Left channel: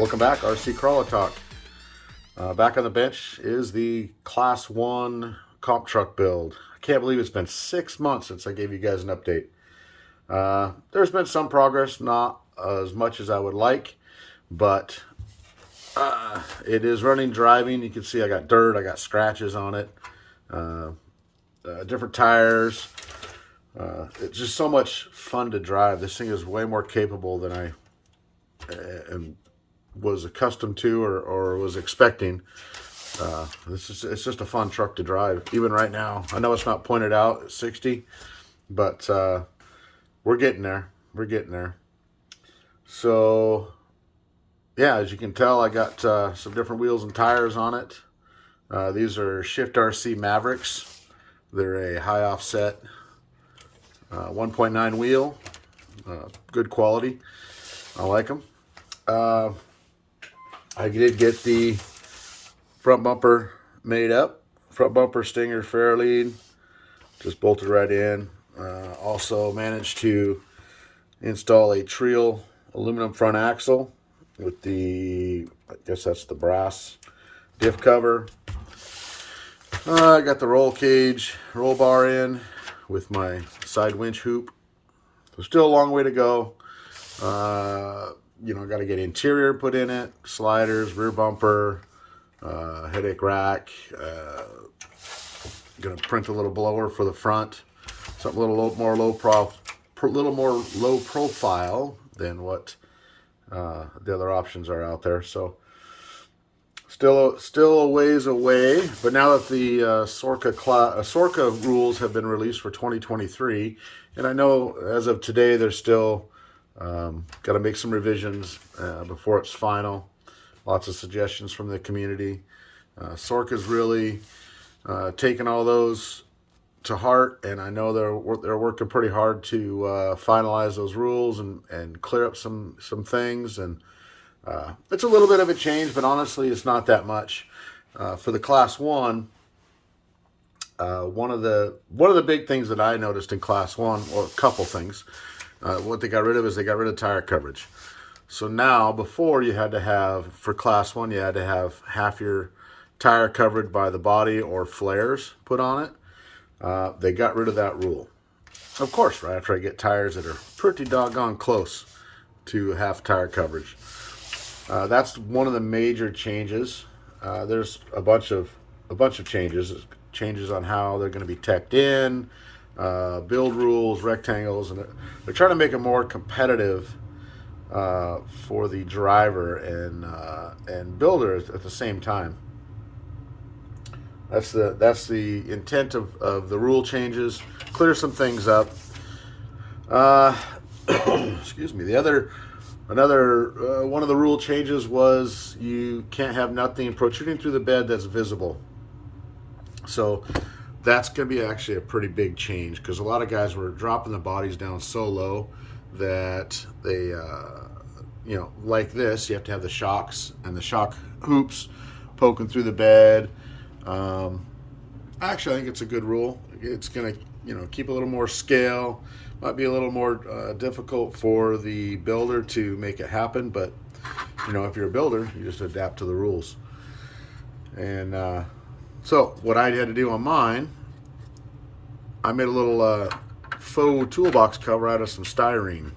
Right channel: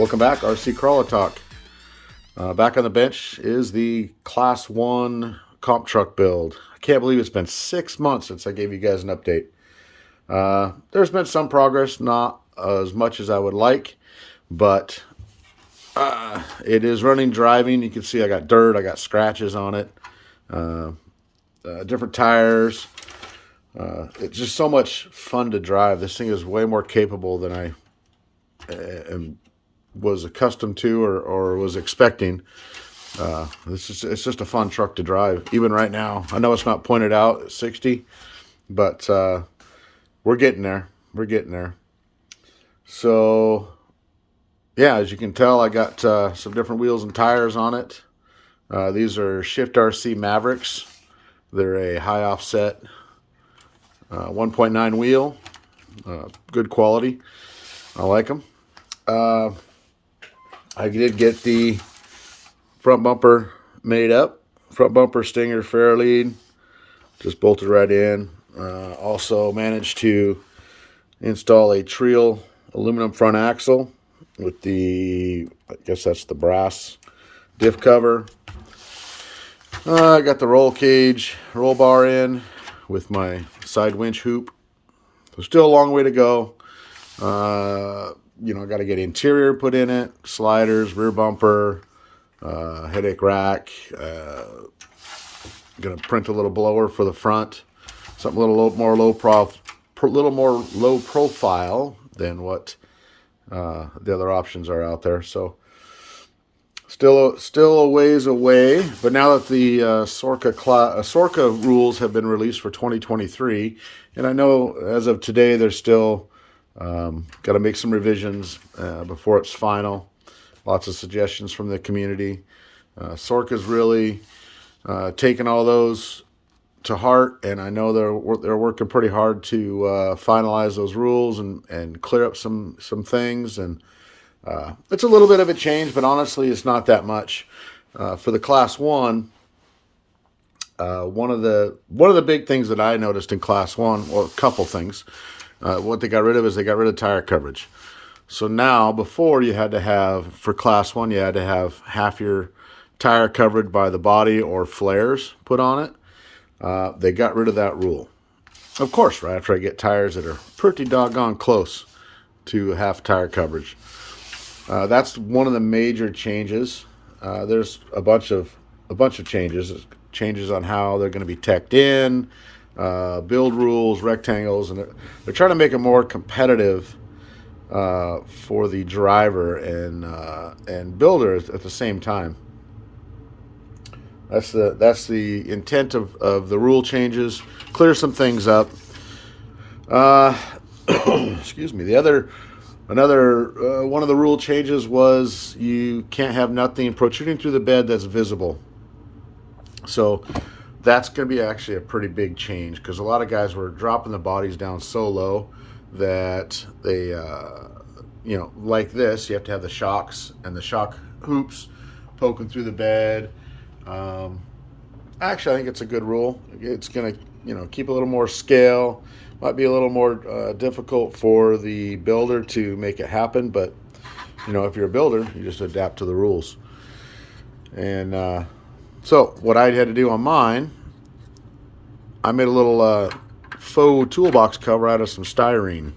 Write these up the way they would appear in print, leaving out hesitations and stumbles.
Welcome back, RC Crawler Talk. Back on the bench is the Class 1 comp truck build. I can't believe it's been 6 months since I gave you guys an update. There's been some progress, not as much as I would like, but it is running, driving. You can see I got dirt, I got scratches on it, different tires. It's just so much fun to drive. This thing is way more capable than I was accustomed to or was expecting. It's just a fun truck to drive. Even right now, I know it's not pointed out at 60, but we're getting there. We're getting there. So yeah, as you can tell, I got some different wheels and tires on it. These are Shift RC MAVERICKS. They're a high offset 1.9 wheel, good quality. I like them. I did get the front bumper made up. Front bumper stinger fairlead, just bolted right in. Also managed to install a Trio aluminum front axle with the, I guess that's the brass diff cover. I got the roll cage, roll bar in with my side winch hoop. So still a long way to go. You know, got to get interior put in it, sliders, rear bumper, headache rack. Gonna print a little blower for the front, something a little more low profile than what the other options are out there. So still a ways away. But now that the SORCA rules have been released for 2023, and I know as of today there's still got to make some revisions before it's final. Lots of suggestions from the community. SORCA's really taken all those to heart, and I know they're working pretty hard to finalize those rules and clear up some things. And it's a little bit of a change, but honestly, it's not that much. For the Class 1, one of the big things that I noticed in Class 1, or a couple things. What they got rid of is they got rid of tire coverage. So now, before you had to have, for Class 1, you had to have half your tire covered by the body or flares put on it. They got rid of that rule. Of course, right after I get tires that are pretty doggone close to half tire coverage. That's one of the major changes. There's a bunch of changes on how they're going to be teched in. Build rules, rectangles, and they're trying to make it more competitive for the driver and builder at the same time. That's the intent of the rule changes. Clear some things up. Excuse me. Another one of the rule changes was you can't have nothing protruding through the bed that's visible. So that's going to be actually a pretty big change, because a lot of guys were dropping the bodies down so low that they, you know, like this, you have to have the shocks and the shock hoops poking through the bed. Actually, I think it's a good rule. It's going to, you know, keep a little more scale. Might be a little more difficult for the builder to make it happen, but, you know, if you're a builder, you just adapt to the rules. And so what I had to do on mine, I made a little faux toolbox cover out of some styrene.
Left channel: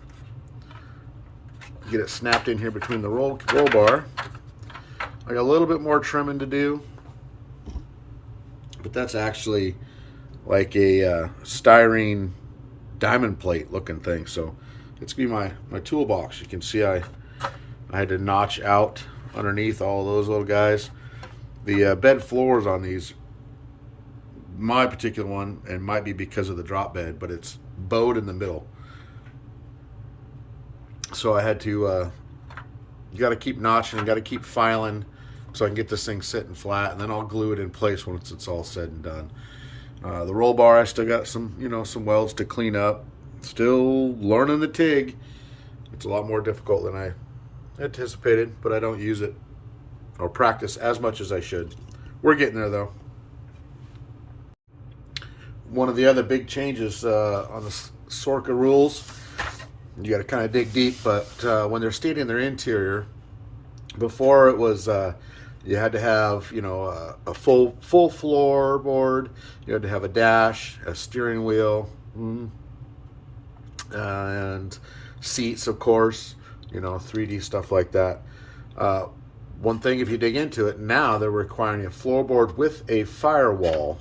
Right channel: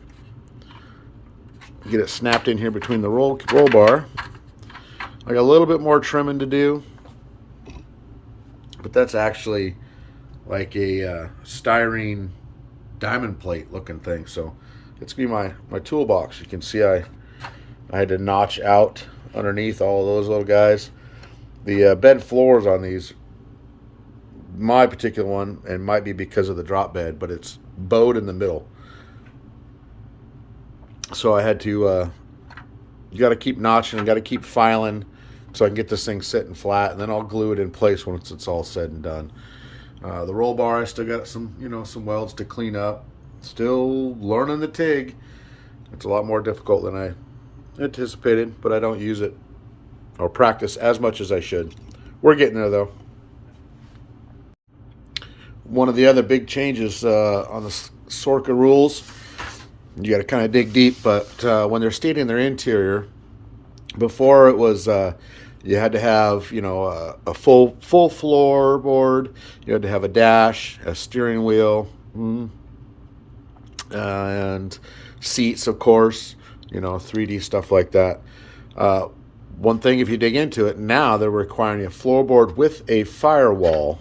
Get it snapped in here between the roll bar. I got a little bit more trimming to do, but that's actually like a styrene diamond plate looking thing. So it's gonna be my toolbox. You can see I had to notch out underneath all those little guys. The bed floors on these, my particular one, and might be because of the drop bed, but it's bowed in the middle. So I had to, you got to keep notching, got to keep filing so I can get this thing sitting flat, and then I'll glue it in place once it's all said and done. The roll bar, I still got some, you know, some welds to clean up. Still learning the TIG. It's a lot more difficult than I anticipated, but I don't use it or practice as much as I should. We're getting there though. One of the other big changes on the SORCA rules, you got to kind of dig deep, but when they're stating their interior, Before it was you had to have, you know, a full floorboard. You had to have a dash, a steering wheel, and seats, of course. You know, 3D stuff like that. One thing, if you dig into it, now they're requiring a floorboard with a firewall.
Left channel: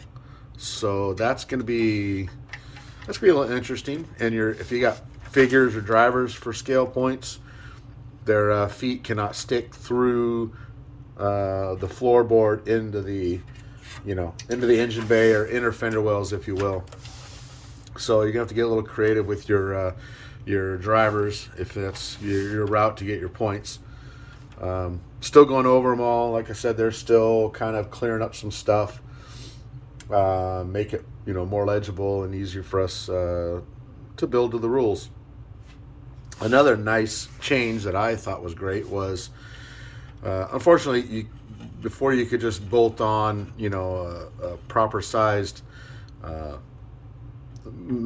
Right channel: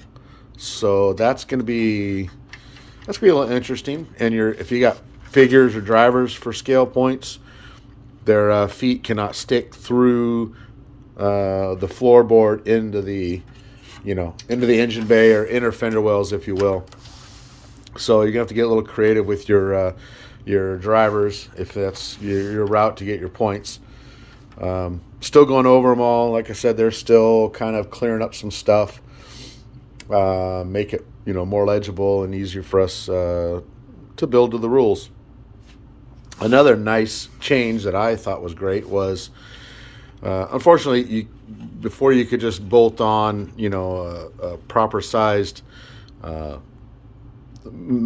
So that's going to be a little interesting. And if you got figures or drivers for scale points, their feet cannot stick through the floorboard into the, you know, into the engine bay or inner fender wells, if you will. So you're gonna have to get a little creative with your drivers if that's your route to get your points. Still going over them all. Like I said, they're still kind of clearing up some stuff, make it, you know, more legible and easier for us to build to the rules. Another nice change that I thought was great was, unfortunately, before you could just bolt on, you know, a proper sized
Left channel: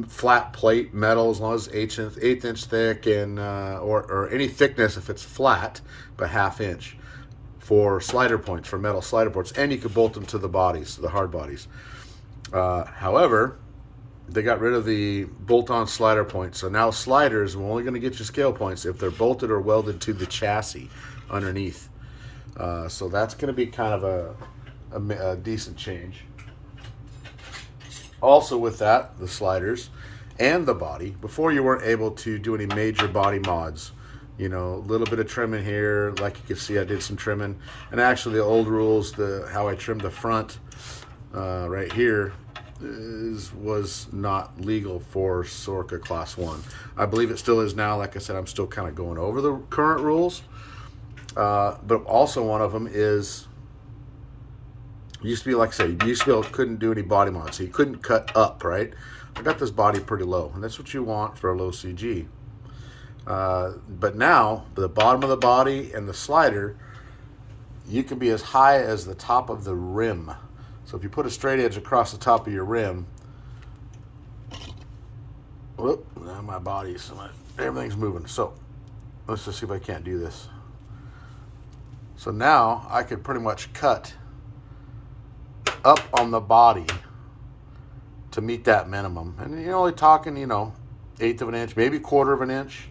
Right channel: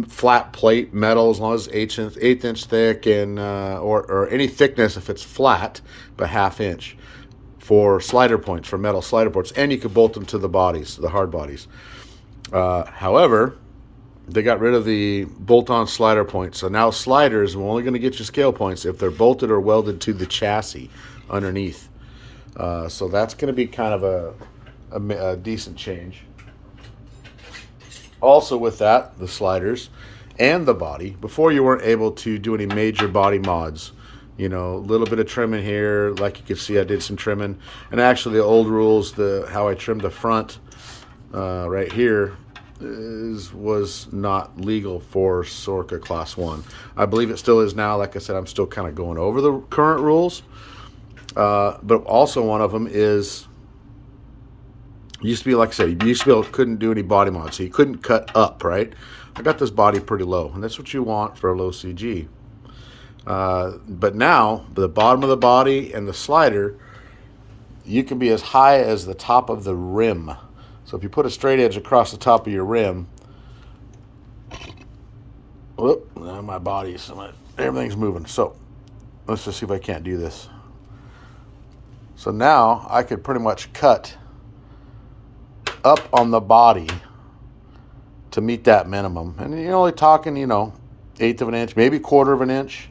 flat plate metal, as long as it's 1/8 inch thick, and or any thickness if it's flat, but 1/2 inch, for slider points, for metal slider points, and you could bolt them to the bodies, the hard bodies. However, they got rid of the bolt-on slider points, so now sliders are only going to get you scale points if they're bolted or welded to the chassis underneath. So that's going to be kind of a decent change. Also with that, the sliders and the body, before you weren't able to do any major body mods. You know, a little bit of trimming here, like you can see I did some trimming. And actually the old rules, how I trimmed the front right here was not legal for Sorca Class 1. I believe it still is now. Like I said, I'm still kind of going over the current rules. But also one of them is, used to be, like I said, you used to be able, couldn't do any body mods, so you couldn't cut up, right? I got this body pretty low, and that's what you want for a low CG. But now, the bottom of the body and the slider, you can be as high as the top of the rim. So if you put a straight edge across the top of your rim, whoop, now my body's, everything's moving. So let's just see if I can't do this. So now I could pretty much cut up on the body to meet that minimum. And you're only talking, you know, 1/8 of an inch, maybe 1/4 of an inch.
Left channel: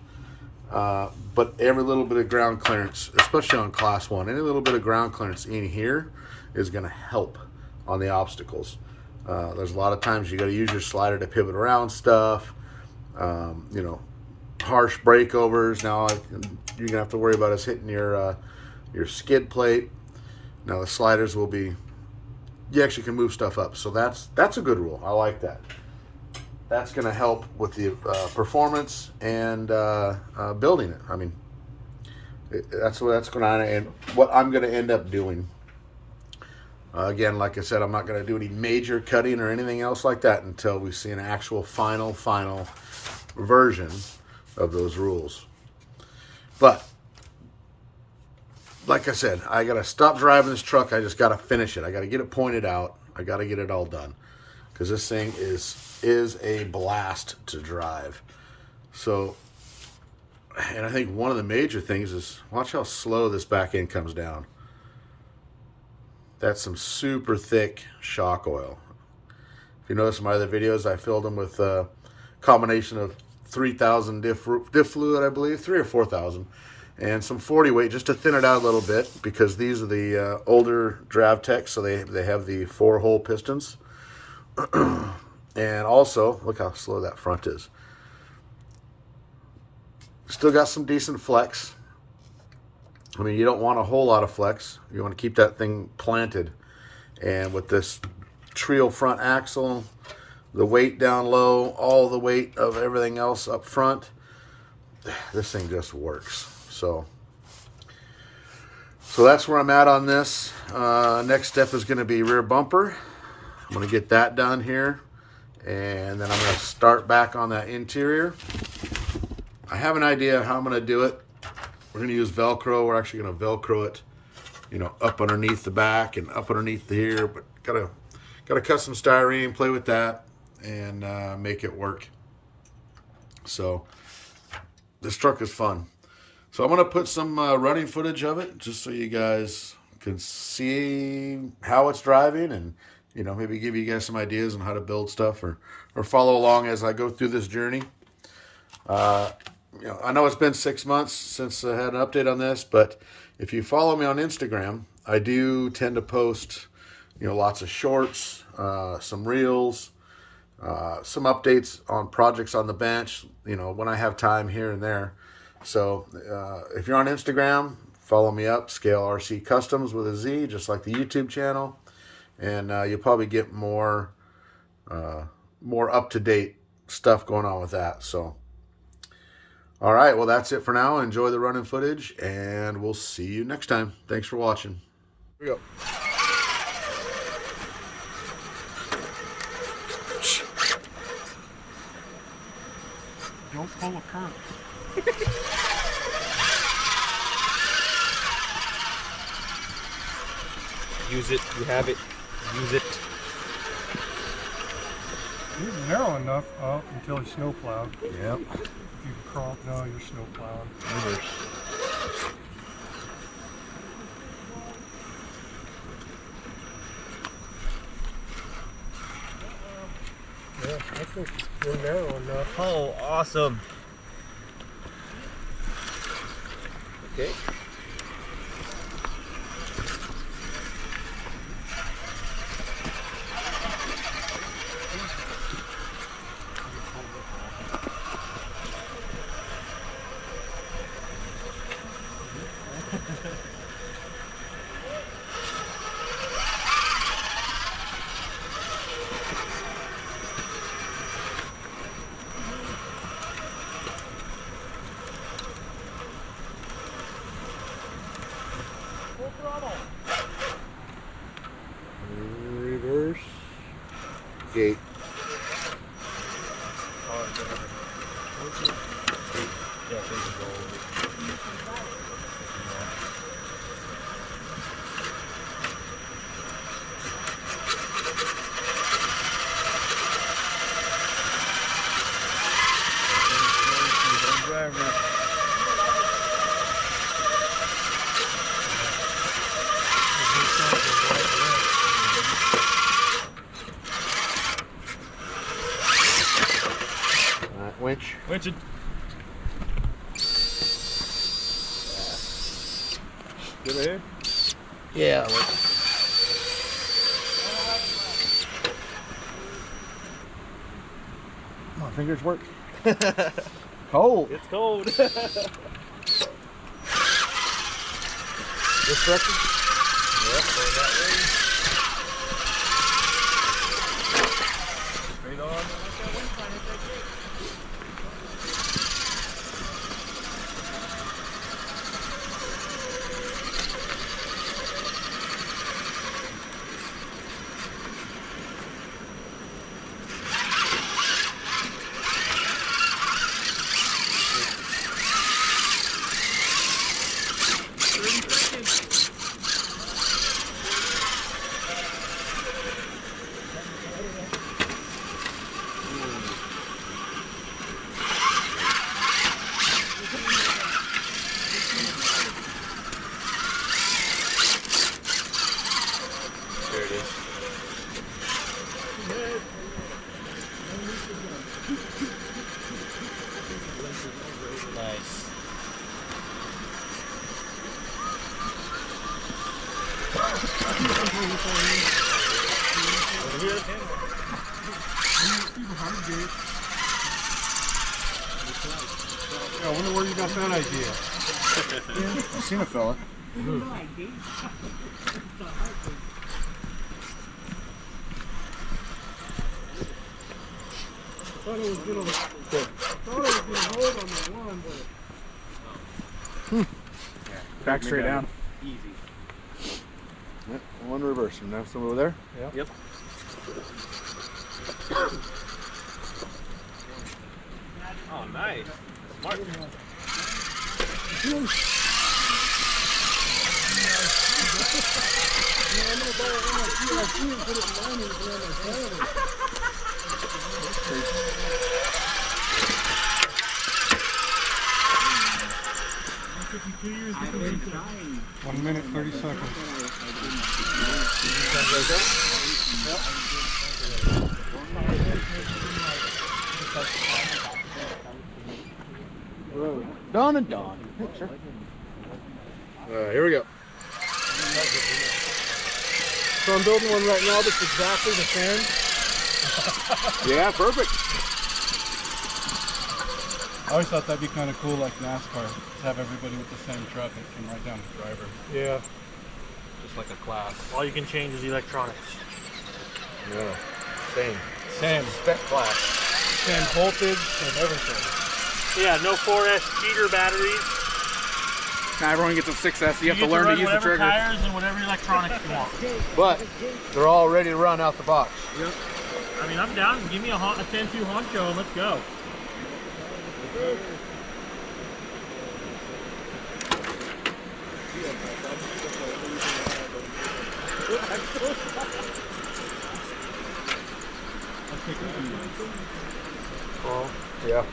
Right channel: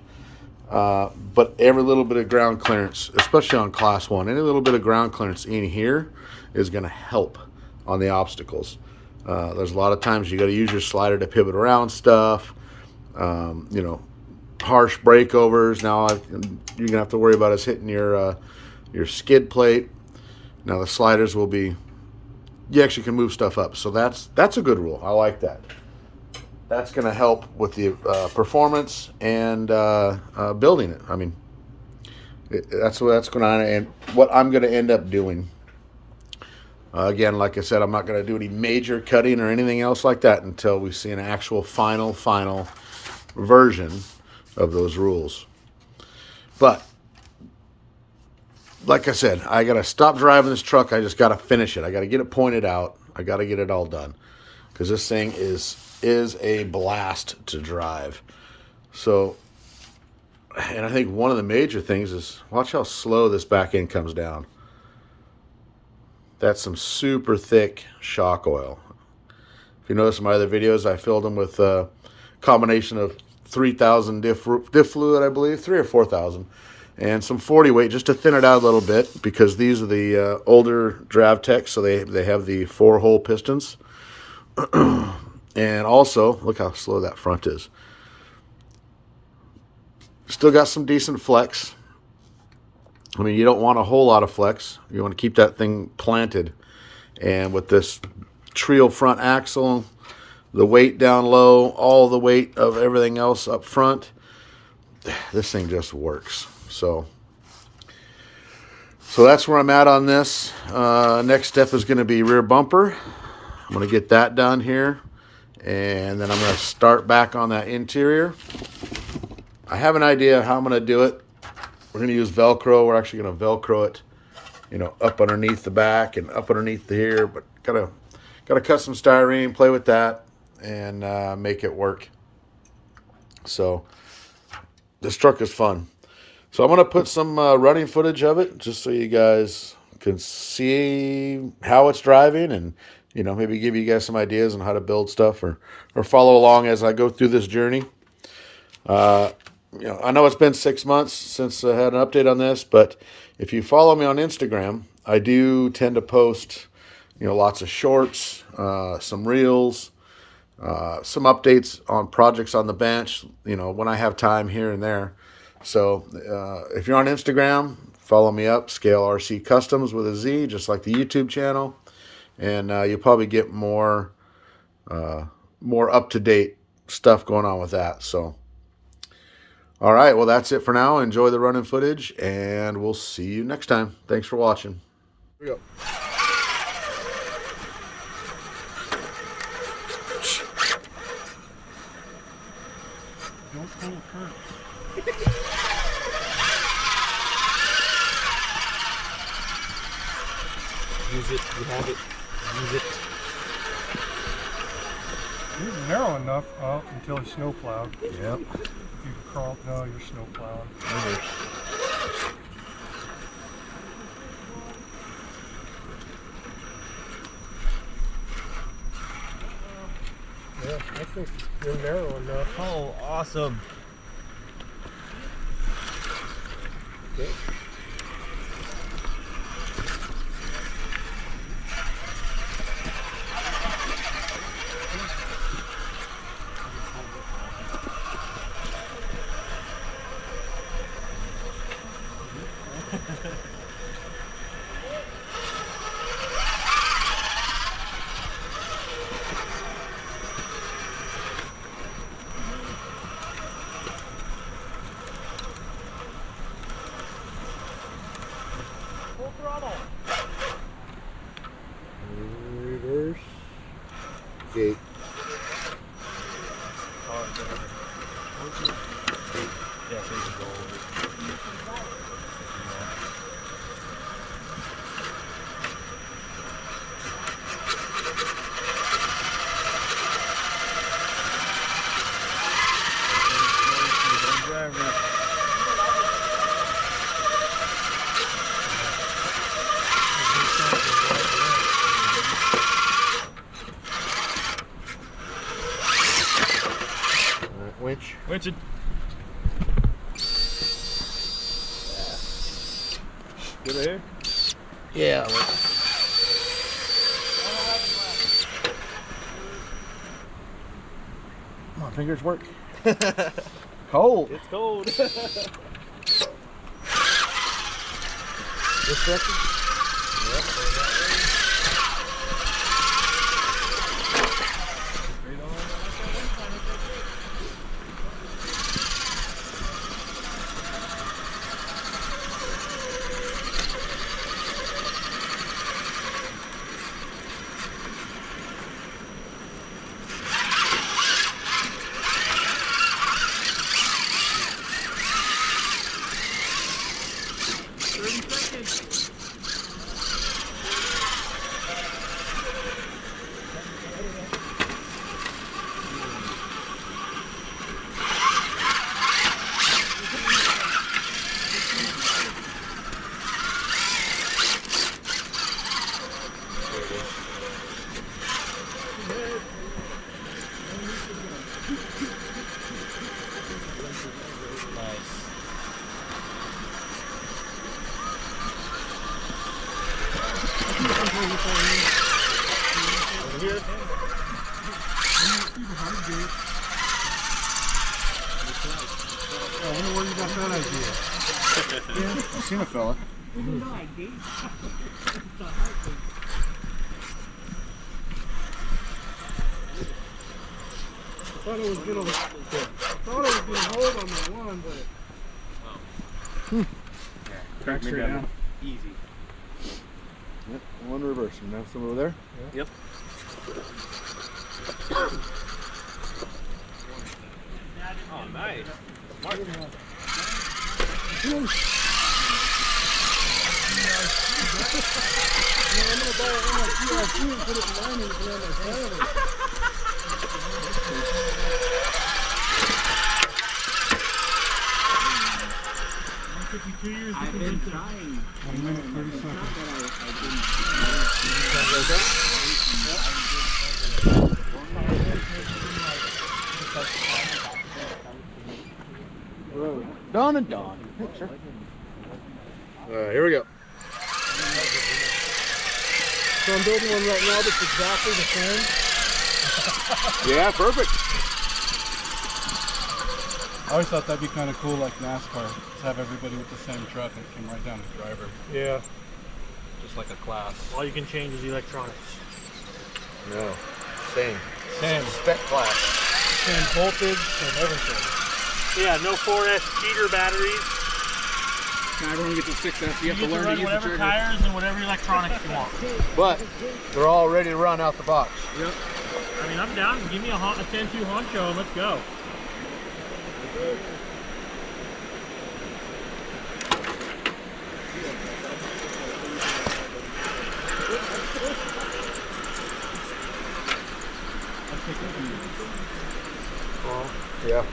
But every little bit of ground clearance, especially on Class 1, any little bit of ground clearance in here is going to help on the obstacles. There's a lot of times you got to use your slider to pivot around stuff. You know, harsh breakovers. Now you're gonna have to worry about us hitting your skid plate. Now the sliders will be, you actually can move stuff up. So that's a good rule. I like that. That's gonna help with the performance and building it. I mean, that's what I'm gonna end up doing. Again, like I said, I'm not going to do any major cutting or anything else like that until we see an actual final version of those rules. But, like I said, I got to stop driving this truck. I just got to finish it. I got to get it pointed out. I got to get it all done. Because this thing is a blast to drive. So, and I think one of the major things is, watch how slow this back end comes down. That's some super thick shock oil. If you notice in my other videos, I filled them with a combination of 3,000 diff fluid, I believe, 3,000 or 4,000, and some 40 weight just to thin it out a little bit, because these are the older Dravtech, so they have the 4-hole pistons. And also, look how slow that front is. Still got some decent flex. I mean, you don't want a whole lot of flex. You want to keep that thing planted. And with this trio front axle, the weight down low, all the weight of everything else up front, this thing just works. So that's where I'm at on this. Next step is going to be rear bumper. I'm going to get that done here. And then I'm going to start back on that interior. I have an idea how I'm going to do it. We're going to use Velcro. We're actually going to Velcro it, you know, up underneath the back and up underneath here. But gotta cut some styrene, play with that, and make it work. So this truck is fun. So I'm going to put some running footage of it just so you guys can see how it's driving, and you know, maybe give you guys some ideas on how to build stuff, or follow along as I go through this journey. You know, I know it's been 6 months since I had an update on this, but if you follow me on Instagram, I do tend to post, you know, lots of shorts, some reels, some updates on projects on the bench, you know, when I have time here and there. So if you're on Instagram, follow me up, Scale RC Customs with a Z, just like the YouTube channel, and you'll probably get more up-to-date stuff going on with that. So all right, well, that's it for now. Enjoy the running footage, and we'll see you next time. Thanks for watching. Here we go. Don't pull a curve. Use it. You have it. Use it. It's narrow enough up until it's snow plowed. Yep. If you crawl, no, you're snow plowing. Yeah, I think you're narrow enough. Oh, awesome. Okay. Full throttle. Reverse. Gate. Yeah, there you go. Winch. Winch it. Good right here? Yeah. Come on, fingers work. Cold. It's cold. This direction? Yep, going that way. Straight on. I wonder where you got that idea. I've seen a fella. I thought it was gonna hold on the one, but Crack straight down. Easy. Yep, one reverse. And now some over there? Yeah. Yep. Oh, nice. Smart. 1 minute, 30 seconds. Done and done. Here we go. So I'm building one right now that's exactly the same. Yeah, perfect. I always thought that'd be kind of cool, like NASCAR, to have everybody with the same truck and come right down the driver. Yeah. Just like a class. All you can change is electronics. No, same. Same. Spec class. Same voltage, same everything. Yeah, no 4S cheater batteries. Now everyone gets a 6S, you have to get learn run to use the whatever trigger. tires and whatever electronics you want. But they're all ready to run out the box. Yep. I mean, I'm down. Give me a 10-2 honcho and let's go. Yeah.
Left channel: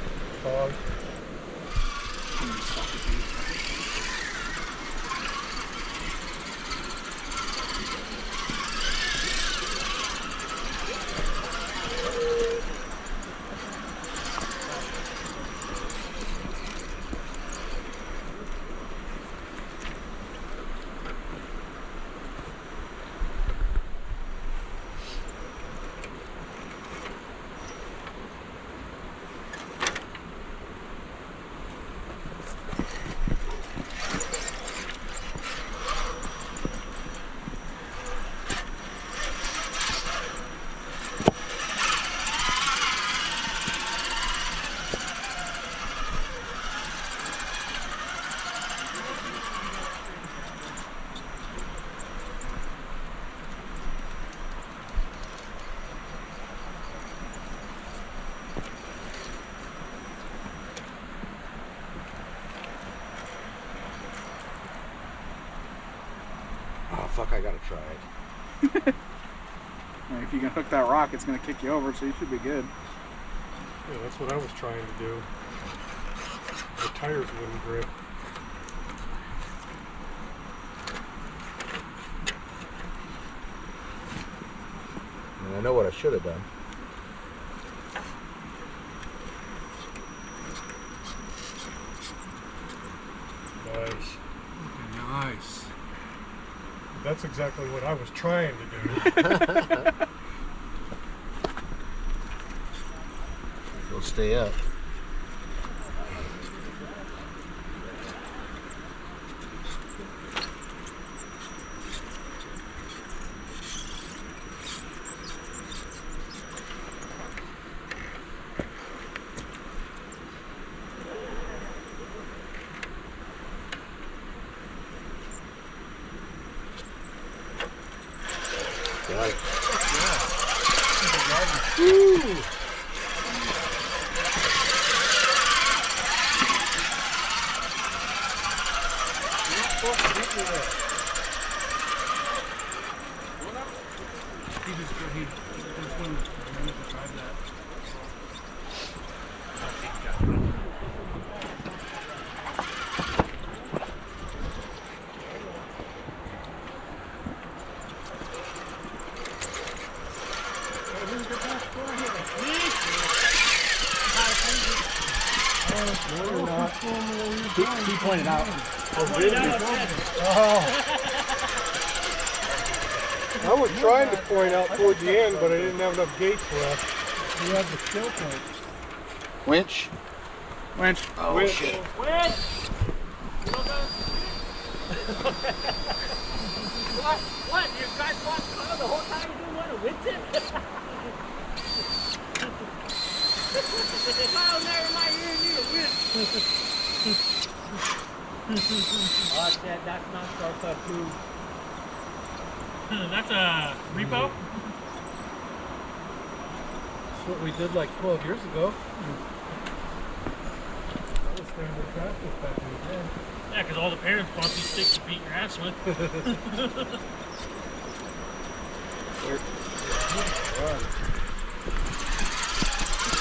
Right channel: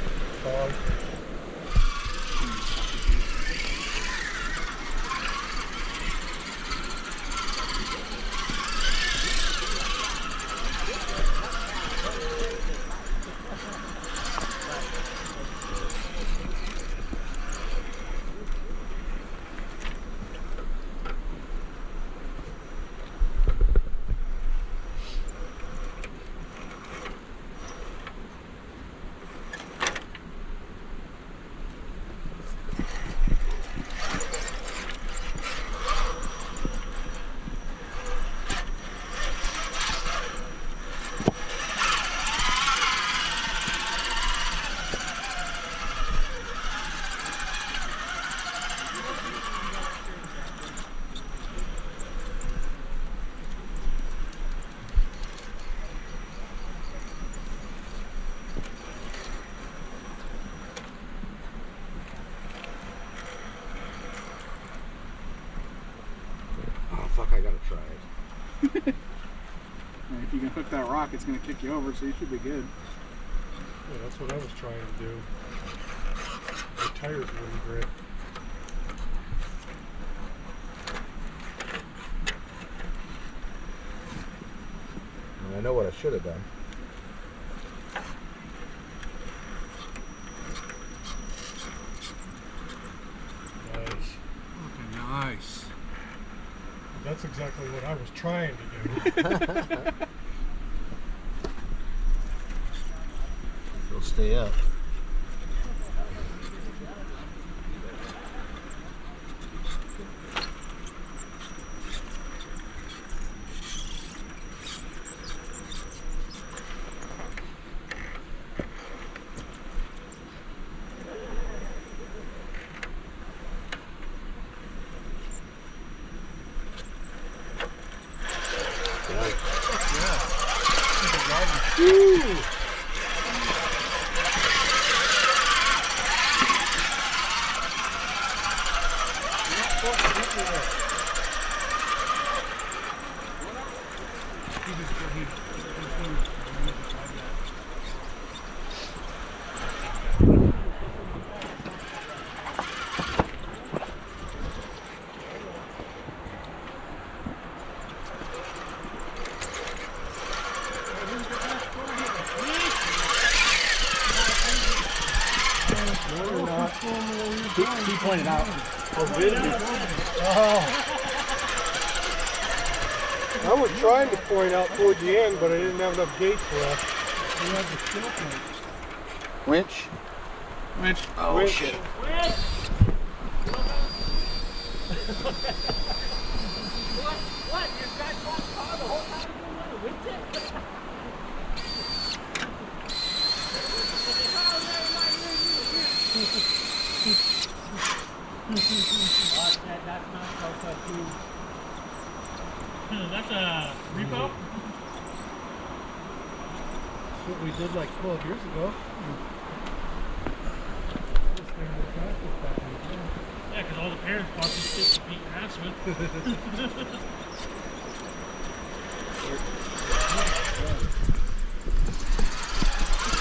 Oh fuck! I gotta try it. If you can hook that rock, it's going to kick you over, so you should be good. Yeah, that's what I was trying to do. The tires wouldn't grip. I know what I should have done. Nice. Okay, nice. That's exactly what I was trying to do. It'll stay up. He pointed out. I was trying to point out toward the end, but I didn't have enough gates left. You have the skill point. Winch. Winch. Oh Winch. shit! What? What? Your guys walked by the whole time you didn't want to winch it? That's not so tough too. That's a repo? That's what we did like 12 years ago. Yeah, because all the parents bought these sticks to beat your ass with.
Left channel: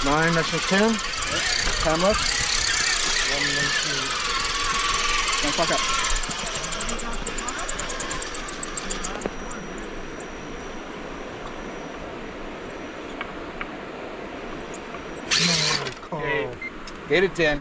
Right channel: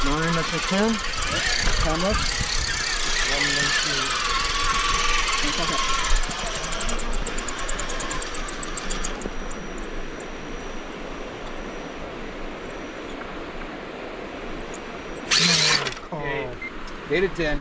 9, that's a 10. 10 left. 1, 2. Don't fuck up. 8 to 10.